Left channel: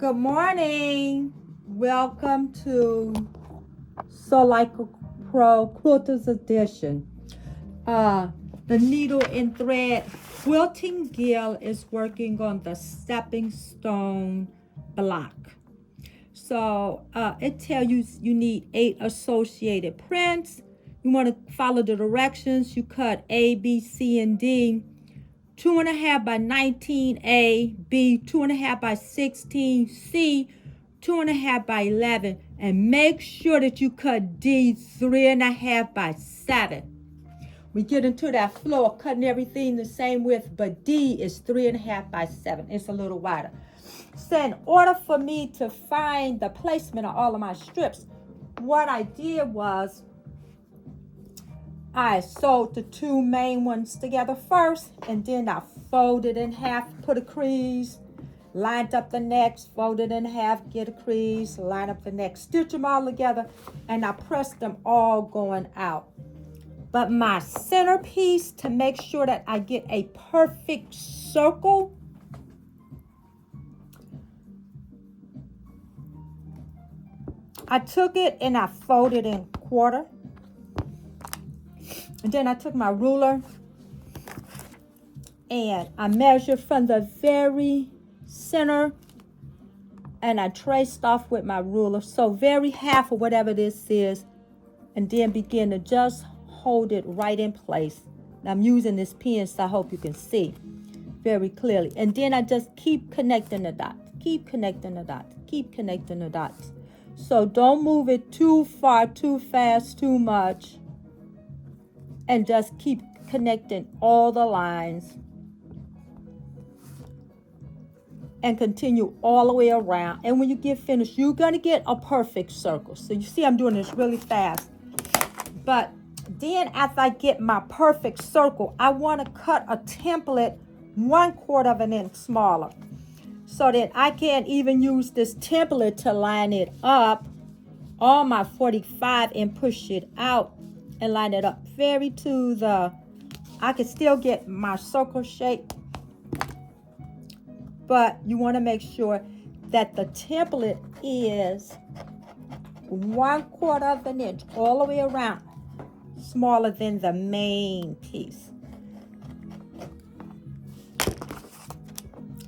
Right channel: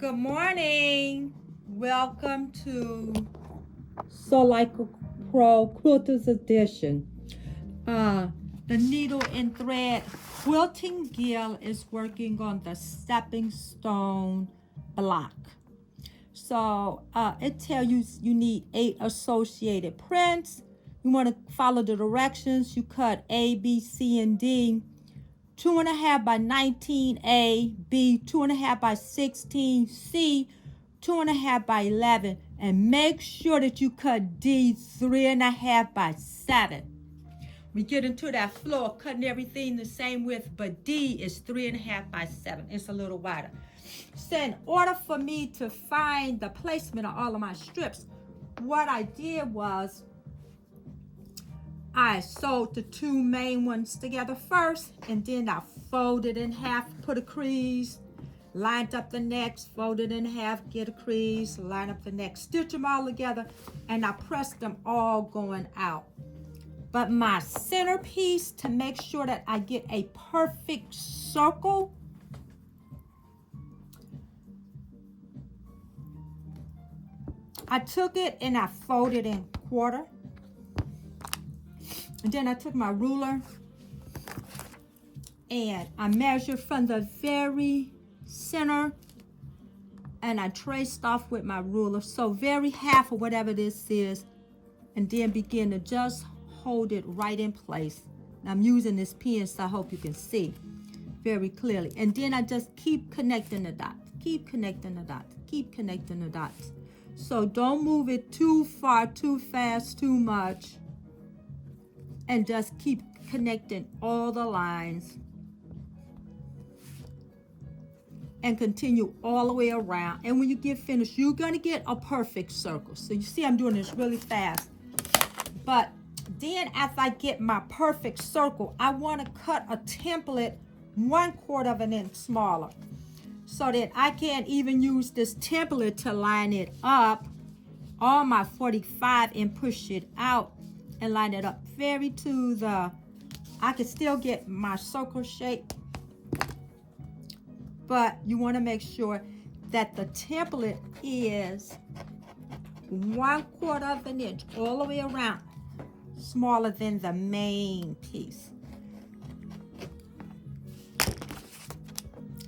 Good morning. Welcome to Soulike Pro Quilters Edition. The needle and thread quilting guild is working on the stepping stone block. So it tells you need 8 associated prints. You want to follow the directions. You cut A, B, C, and D. 2.5 by 19A, B 2.5 by 16, C 2.5 by 11, and make sure that you cut D 3.5 by 7. We get into that flow of cutting everything the same width, but D is 3.5 by 7. It's a little wider. So in order for me to find the placement of all of my strips, what I did was I sewed the 2 main ones together first, and then I folded in half, put a crease, lined up the next, folded in half, get a crease, line up the next, stitch them all together, and I pressed them all going out. But my centerpiece, to make sure that I get a perfect circle, I took it and I folded in quarter. And then I took my ruler and I measured from the very center and I traced off with my ruler. So very half of whatever this is, and then begin to just hold it right in place. And I'm using this pen so I hope you can see very clearly. And then I just keep connecting the dots, keep connecting the dots, keep connecting the dots. So don't move it too far, too fast, too much. And just keep connecting all the lines and continue all the way around. And when you get finished, you're going to get a perfect circle. So you see I'm doing this really fast. But then after I get my perfect circle, I want to cut a template 1/4 of an inch smaller so that I can even use this template to line it up on my 45 and push it out and line it up very to the, I can still get my circle shape, but you want to make sure that the template is 1/4 of an inch all the way around, smaller than the main piece.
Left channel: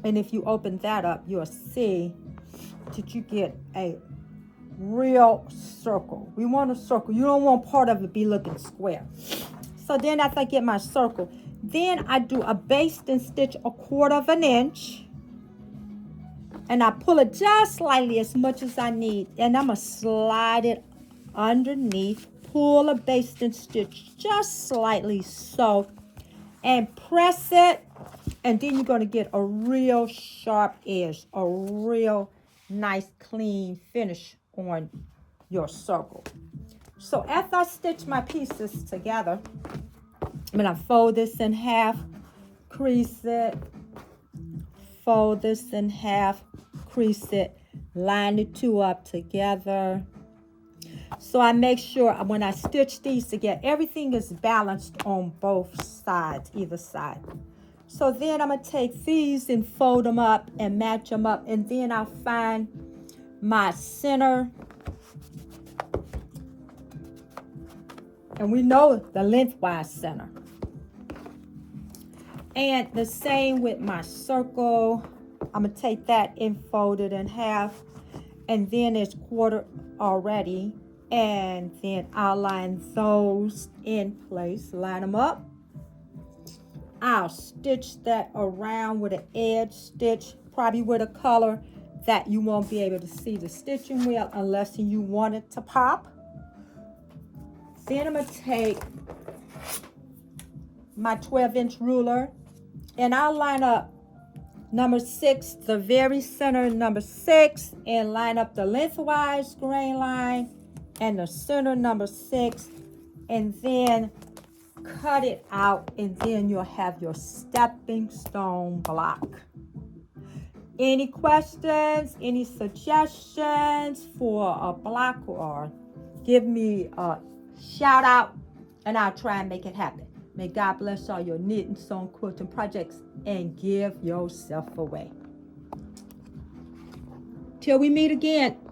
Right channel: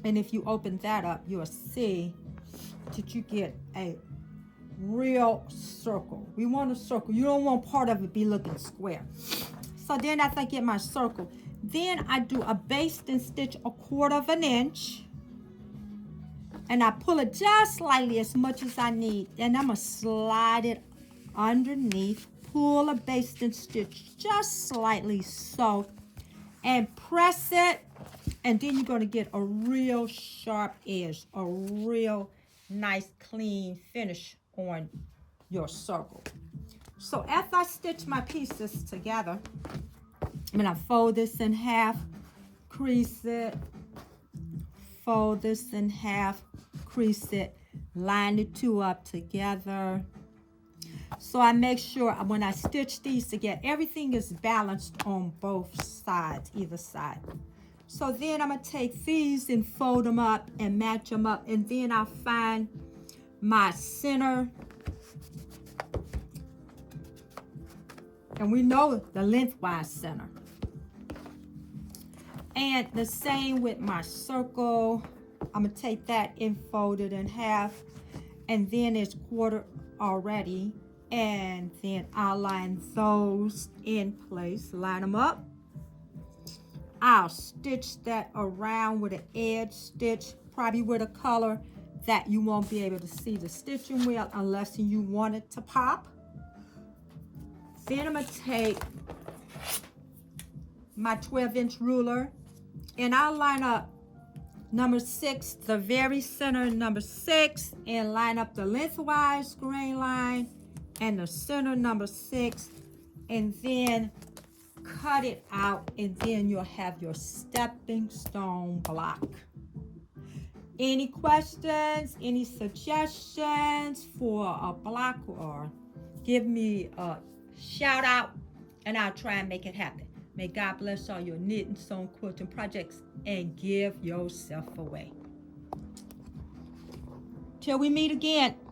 And if you open that up, you'll see that you get a real circle. We want a circle. You don't want part of it be looking square. So then after I get my circle, then I do a basting stitch 1/4 of an inch. And I pull it just slightly, as much as I need. And I'm going to slide it underneath. Pull a basting stitch just slightly so. And press it. And then you're going to get a real sharp edge. A real nice clean finish on your circle. So after I stitch my pieces together, I'm going to fold this in half, crease it, fold this in half, crease it, line the 2 up together. So I make sure when I stitch these together, everything is balanced on both sides, either side. So then I'm going to take these and fold them up and match them up, and then I'll find my center. And we know the lengthwise center. And the same with my circle. I'm going to take that and fold it in half. And then it's quarter already. And then I'll line those in place. Line them up. I'll stitch that around with an edge stitch. Probably with a color that you won't be able to see the stitching wheel unless you want it to pop. Then I'm going to take my 12-inch ruler and I'll line up number 6, the very center number 6, and line up the lengthwise grain line and the center number 6, and then cut it out, and then you'll have your stepping stone block. Any questions, any suggestions for a block, or give me a shout out and I'll try and make it happen. May God bless all your knitting, sewing, quilting projects, and give yourself away. Till we meet again.